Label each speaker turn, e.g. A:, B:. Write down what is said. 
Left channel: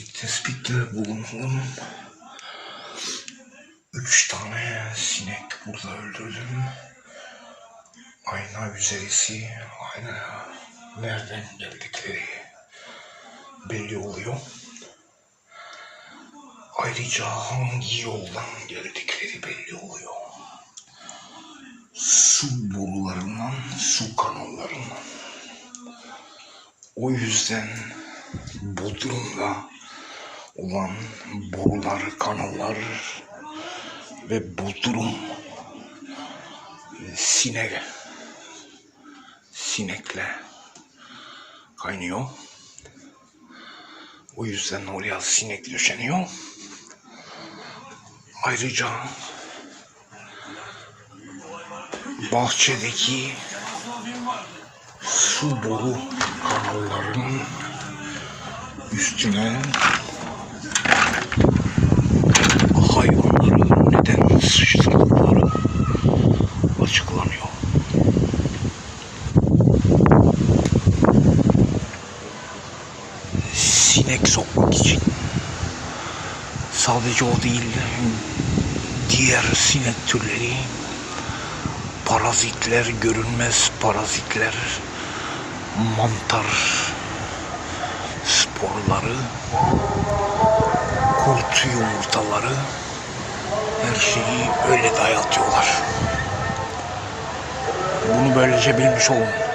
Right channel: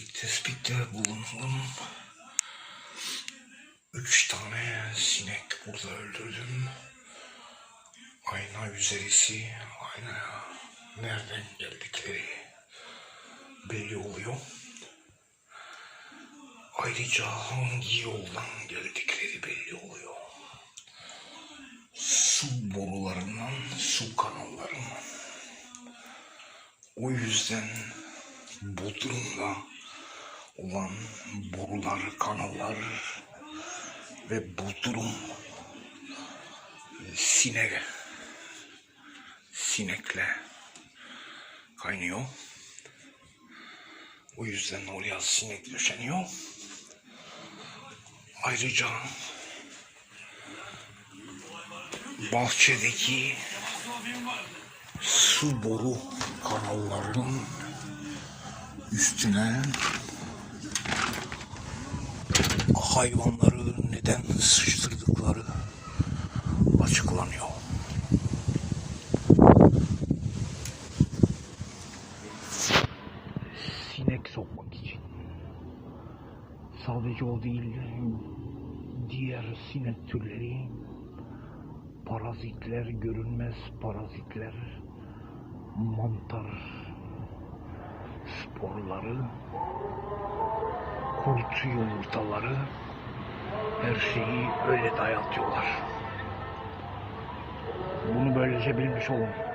A: bir tespitte bulunalım. Üç tane sinek burada öldürdüm. Ayna üzerisi, ayna nereden geldikleri belli oluyor. Ayrıca hangi yoldan geldikleri belli oluyor. Su borularından, su kanallarından. O yüzden Bodrum'da olan borular, kanallar ve Bodrum sinek sinekle kaynıyor. O yüzden oraya sinek döşeniyor. Ayrıca bahçedeki su boru kanallarının üstüne Sinek sokmak için sadece o değil diğer sinek türleri parazitler görünmez parazitler mantar sporları kurt yumurtaları her şeyi öyle dayatıyorlar. Bunu böylece bilmiş olun.